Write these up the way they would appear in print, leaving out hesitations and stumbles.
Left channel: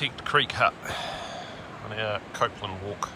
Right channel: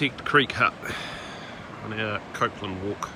Architect Creek Hut on our Copland walk.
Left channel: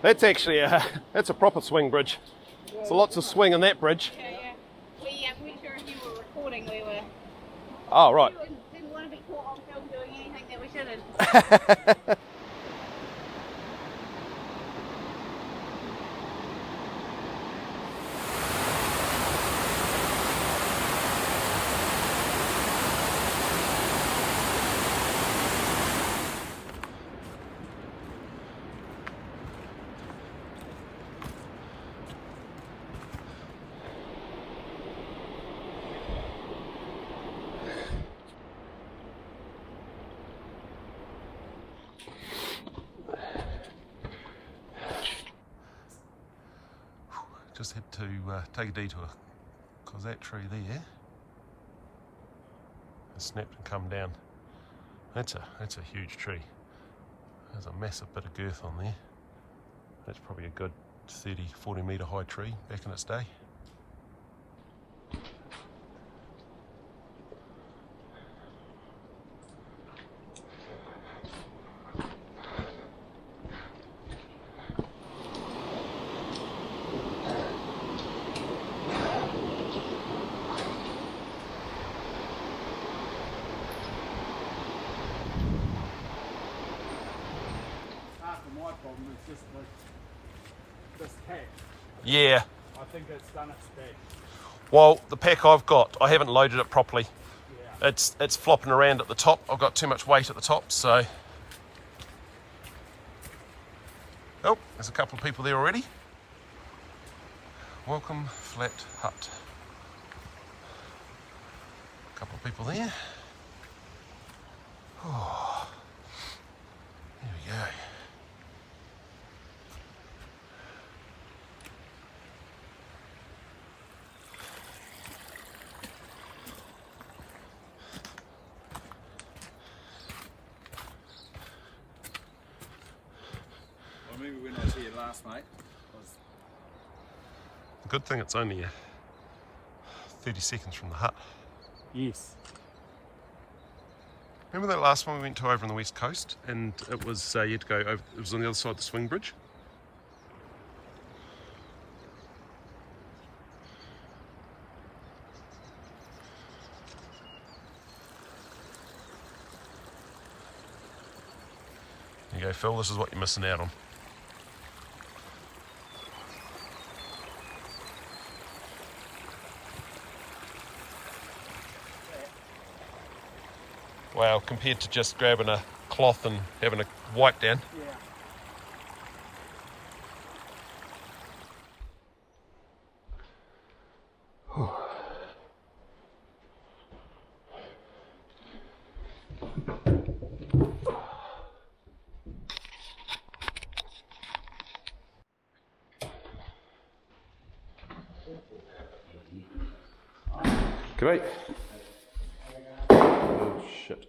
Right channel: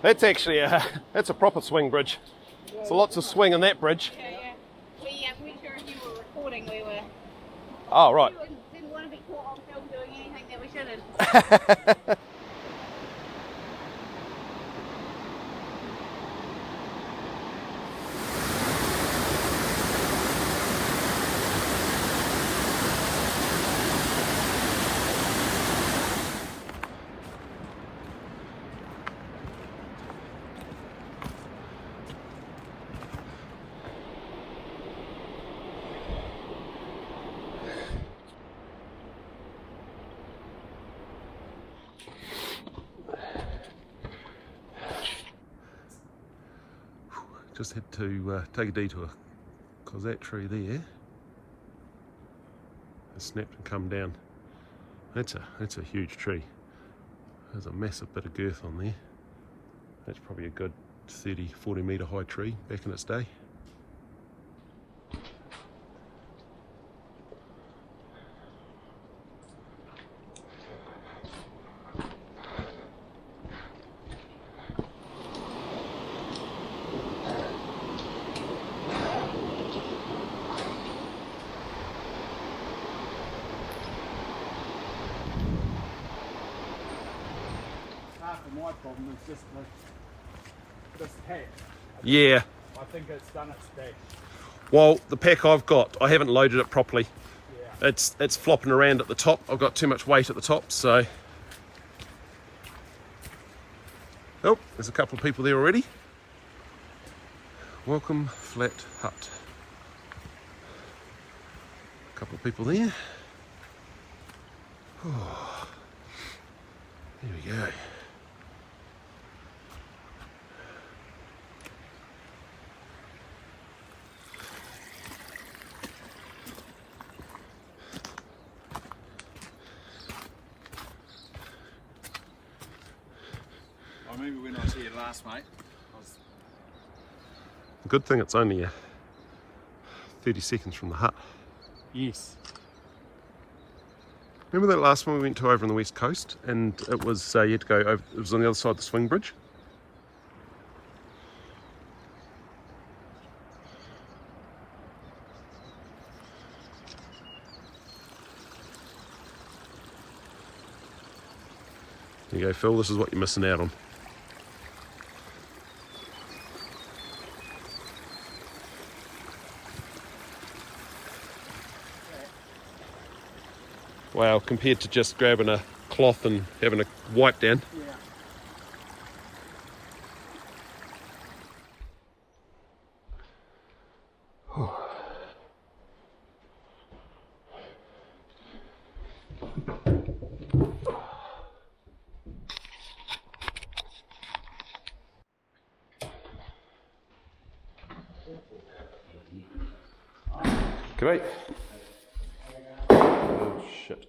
That's actually that's a proper swing bridge. So lots of swing in that bridge. Yeah. We weren't sure if you were recording. We were. Oh, right. We didn't want to be caught on film doing anything that we shouldn't. Just had to take a detour because that tree there has snapped and come down. That's a huge tree. There's a massive bit of girth on there. That's probably a good 30-40 metre high tree back in its day. My problem is just like this pack. Yeah. I think it's done its best. Well, the pack I've got, I haven't loaded it properly. Yeah. It's flopping around at the top. I've got too much weight at the top, so. Oh, there's a couple of people there already. Welcome, Flat Hut. A couple of people there. Oh, there we go. I remember when I was here last, mate. Good thing it's only 30 seconds from the hut. Yes. Remember that last one we went to over on the west coast, and it was you had to go over. It was on the other side of the swing bridge. There you go, Phil. This is what you're missing out on. Wow, compared to just grabbing a cloth and having a wipe down. Yeah. Great. Oh shit.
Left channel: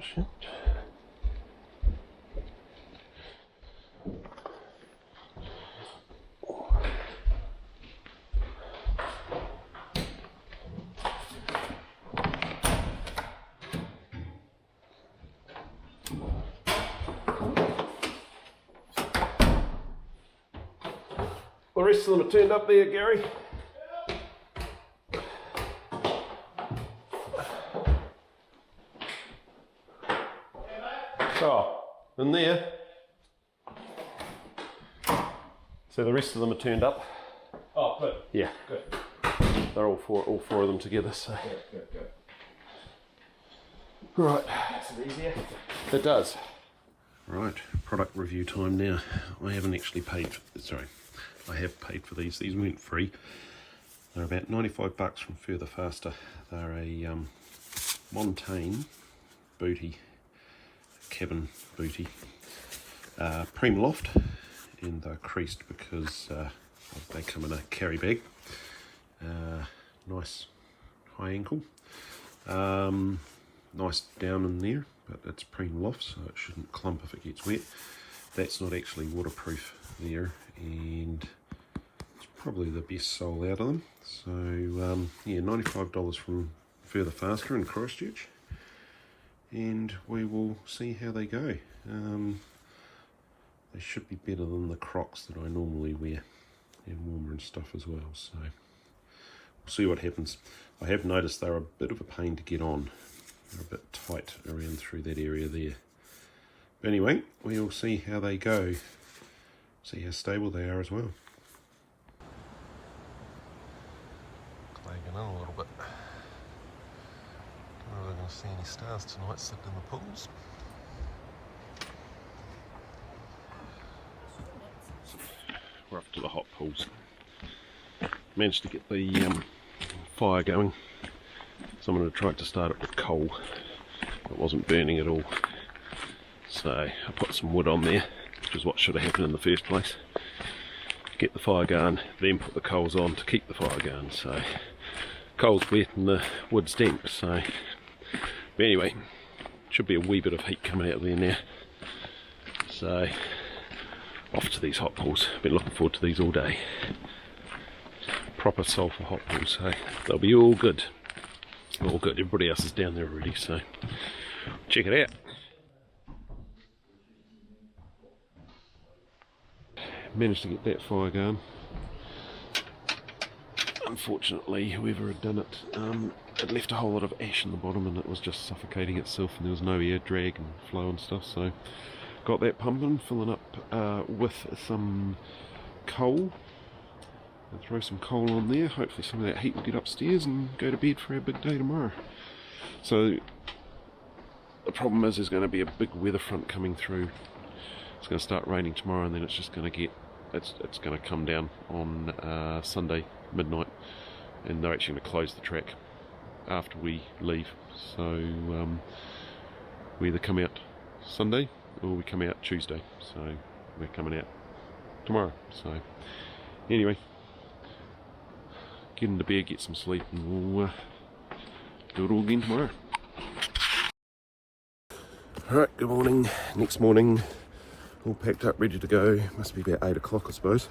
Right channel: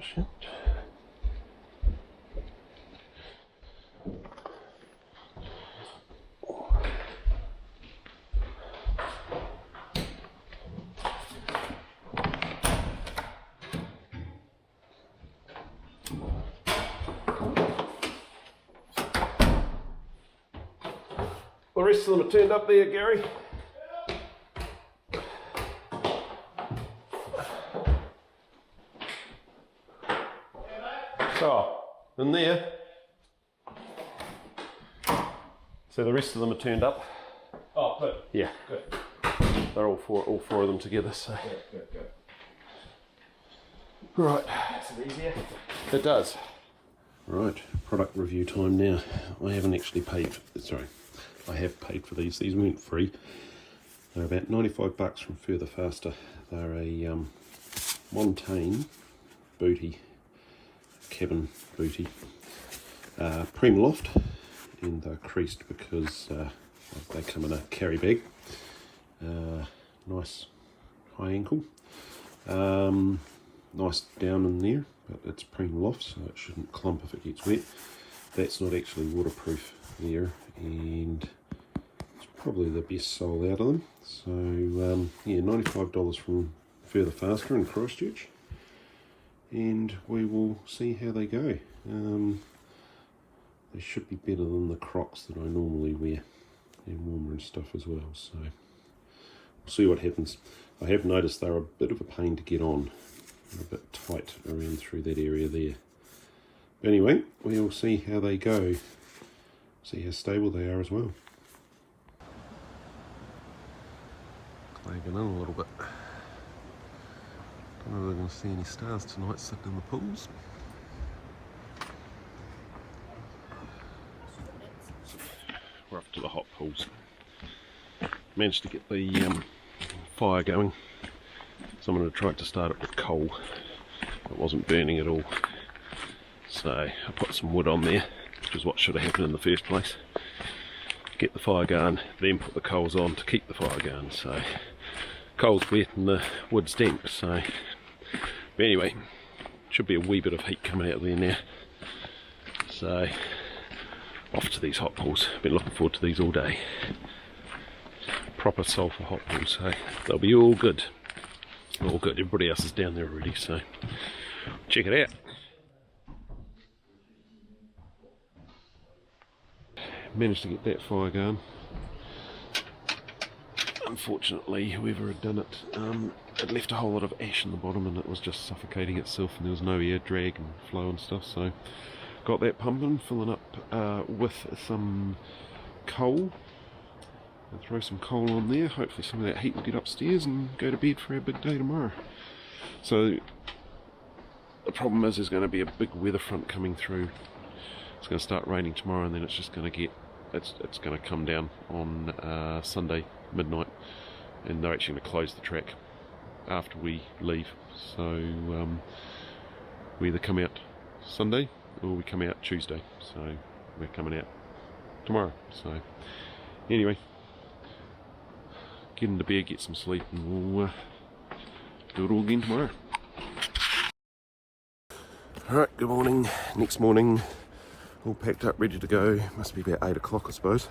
Shit. The rest of them are turned up there, Gary. So, in there. So the rest of them are turned up. Oh, good. Yeah. Good. They're all four of them together, so. Good. Right. Makes it easier. It does. Right, product review time now. I haven't actually paid, I have paid for these. These weren't free. They're about $95 from Further Faster. They're a Montane booty, cabin booty, Preem loft, and they're creased because they come in a carry bag. Nice high ankle, nice down in there, but it's Preem loft, so it shouldn't clump if it gets wet. That's not actually waterproof there, and it's probably the best sole out of them. So yeah, $95 from Further Faster in Christchurch, and we will see how they go. They should be better than the Crocs that I normally wear, and warmer and stuff as well, so we'll see what happens. I have noticed they're a bit of a pain to get on. They're a bit tight around through that area there. But anyway, we'll see how they go, see how stable they are as well. Clagging in a little bit. Don't know if we're going to see any stars tonight sitting in the pools. We're up to the hot pools. Managed to get the fire going. Someone had tried to start it with coal. It wasn't burning at all. So I put some wood on there, which is what should have happened in the first place. Get the fire going, then put the coals on to keep the fire going. So coal's wet and the wood's damp. So, but anyway, should be a wee bit of heat coming out of there now. So off to these hot pools. Been looking forward to these all day. Proper sulphur hot pools, so they'll be all good. All good. Everybody else is down there already, so check it out. Managed to get that fire going. Unfortunately, whoever had done it, it left a whole lot of ash in the bottom, and it was just suffocating itself, and there was no air drag and flow and stuff. So got that pumping, filling up with some coal. And throw some coal on there. Hopefully some of that heat will get upstairs and go to bed for our big day tomorrow. So the problem is there's going to be a big weather front coming through. It's going to start raining tomorrow, and then it's just going to get, it's going to come down on Sunday midnight, and they're actually going to close the track after we leave. So we either come out Sunday or we come out Tuesday. So we're coming out tomorrow. So anyway, get into bed, get some sleep, and we'll do it all again tomorrow. Alright, good morning. Next morning, all packed up, ready to go. Must be about 8 o'clock, I suppose.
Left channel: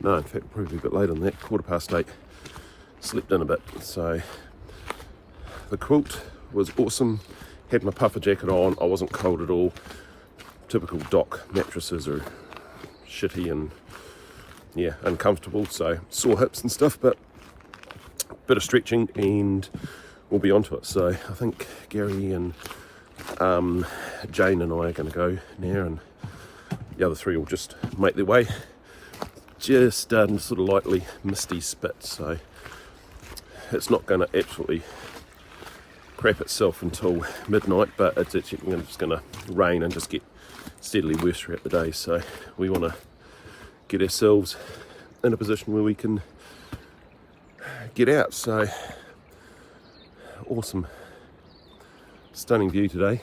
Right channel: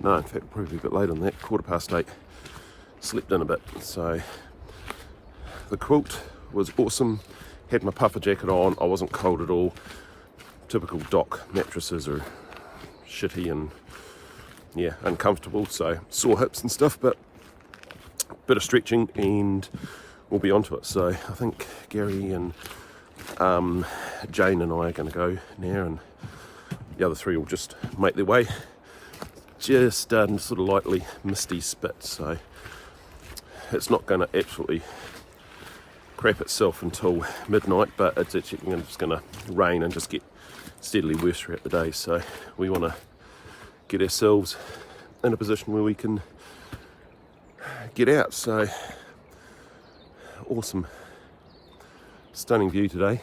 No, in fact, probably a bit later than that, 8:15. Slept in a bit. So the quilt was awesome. Had my puffer jacket on. I wasn't cold at all. Typical dock mattresses are shitty and yeah, uncomfortable. So sore hips and stuff, but a bit of stretching and we'll be onto it. So I think Gary and Jane and I are going to go now, and the other three will just make their way. Just starting to sort of lightly misty spit, so it's not going to absolutely crap itself until midnight, but it's actually going to rain and just get steadily worse throughout the day. So we want to get ourselves in a position where we can get out. So awesome, stunning view today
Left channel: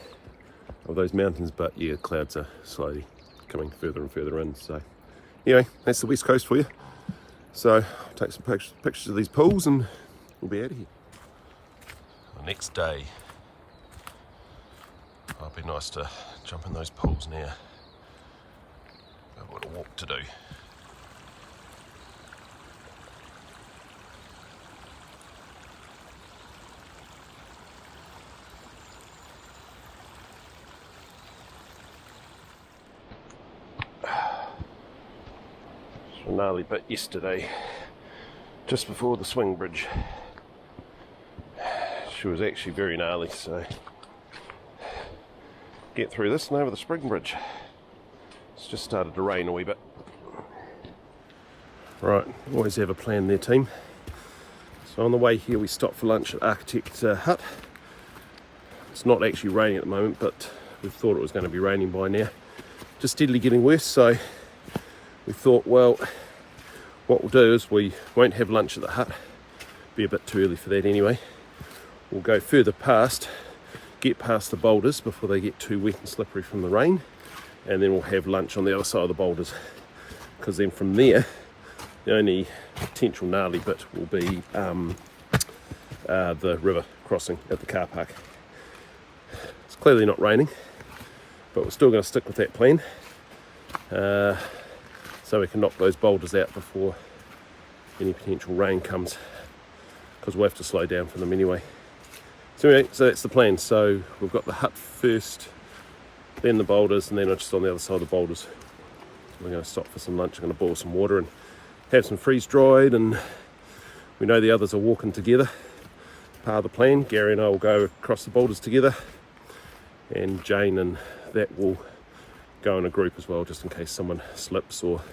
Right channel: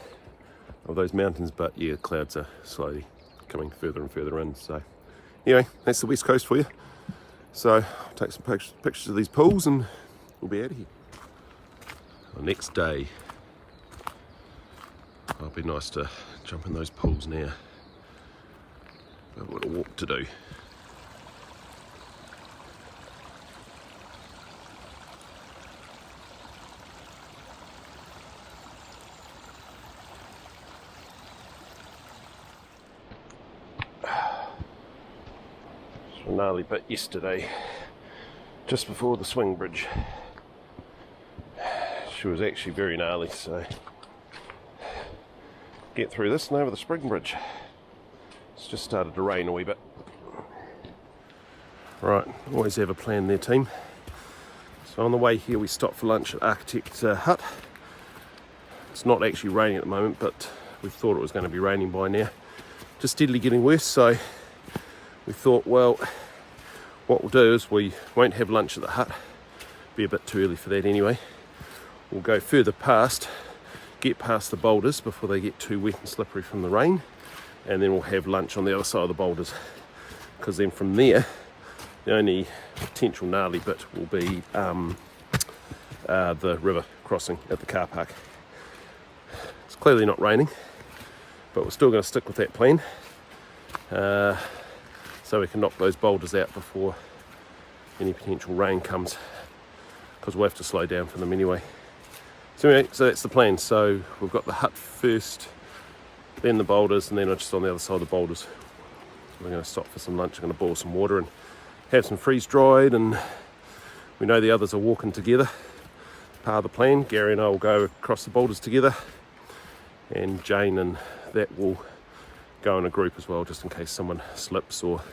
of those mountains, but yeah, clouds are slowly coming further and further in. So anyway, that's the west coast for you. So I'll take some pictures of these pools and we'll be out of here. The next day, it'll be nice to jump in those pools now. I've got a walk to do. A gnarly bit yesterday, just before the swing bridge. She was actually very gnarly, so get through this and over the spring bridge. It's just started to rain a wee bit. Right, always have a plan there, team. So on the way here we stopped for lunch at Architect's Hut. It's not actually raining at the moment, but we thought it was going to be raining by now. Just steadily getting worse, so we thought, well, what we'll do is we won't have lunch at the hut. Be a bit too early for that anyway. We'll go further past get past the boulders before they get too wet and slippery from the rain, and then we'll have lunch on the other side of the boulders, because then from there the only potential gnarly bit will be the river crossing at the car park. It's clearly not raining, but we're still going to stick with that plan, so we can knock those boulders out before any potential rain comes, because we'll have to slow down for them anyway. So anyway, so that's the plan. So we've got the hut first, then the boulders, and then just on the other side of the boulders we're going to stop for some lunch. I'm going to boil some water and have some freeze dried, and we know the others are walking together. Part of the plan, Gary and I will go across the boulders together, and Jane and that will go in a group as well, just in case someone slips or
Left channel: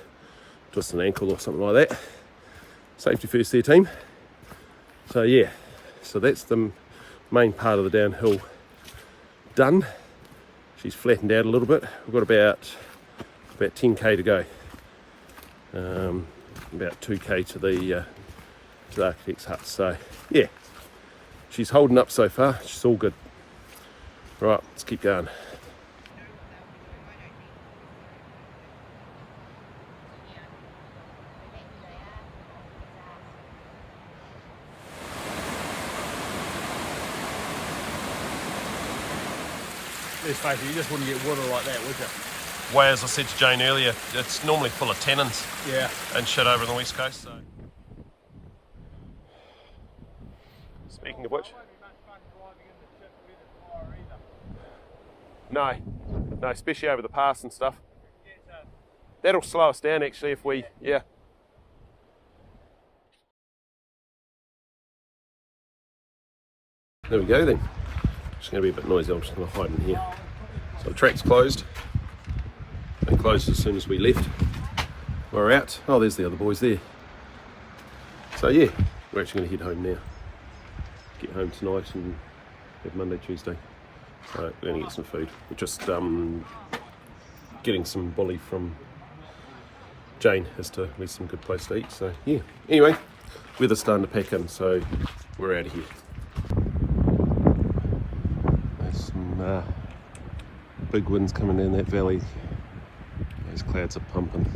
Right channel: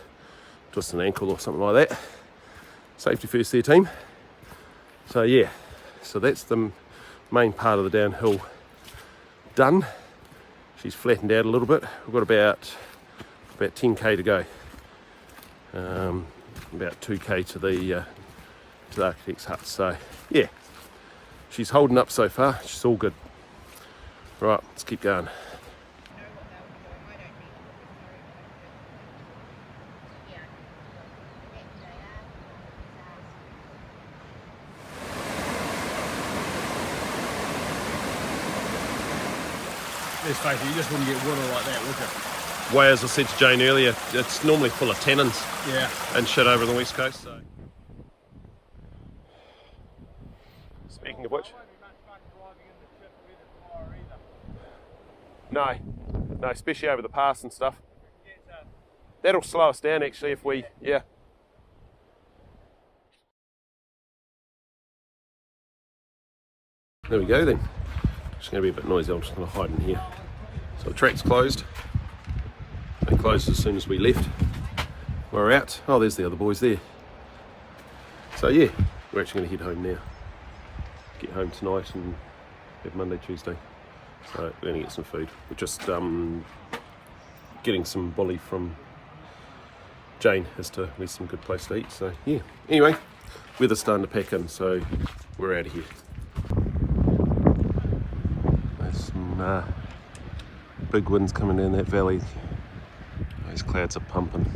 twists an ankle or something like that. Safety first there, team. So yeah, so that's the main part of the downhill done. She's flattened out a little bit. We've got about 10k to go. About 2k to the architect's hut. So yeah, she's holding up so far. She's all good. Right, let's keep going. Let's face it, you just wouldn't get water like that, would you? Well, as I said to Jane earlier, it's normally full of tannins Yeah. and shit over on the west coast. So. Speaking of which, no, especially over the pass and stuff. That'll slow us down actually if we, yeah. There we go then. It's going to be a bit noisy, I'm just going to hide in here. So the track's closed. It closed as soon as we left. We're out. Oh, there's the other boys there. So yeah, we're actually going to head home now. Get home tonight and have Monday, Tuesday. So we're going to get some food. We're just getting some bully from Jane as to where's some good place to eat. So yeah, anyway, weather's starting to pack in, so we're out of here. There's some big winds coming down that valley. Those clouds are pumping.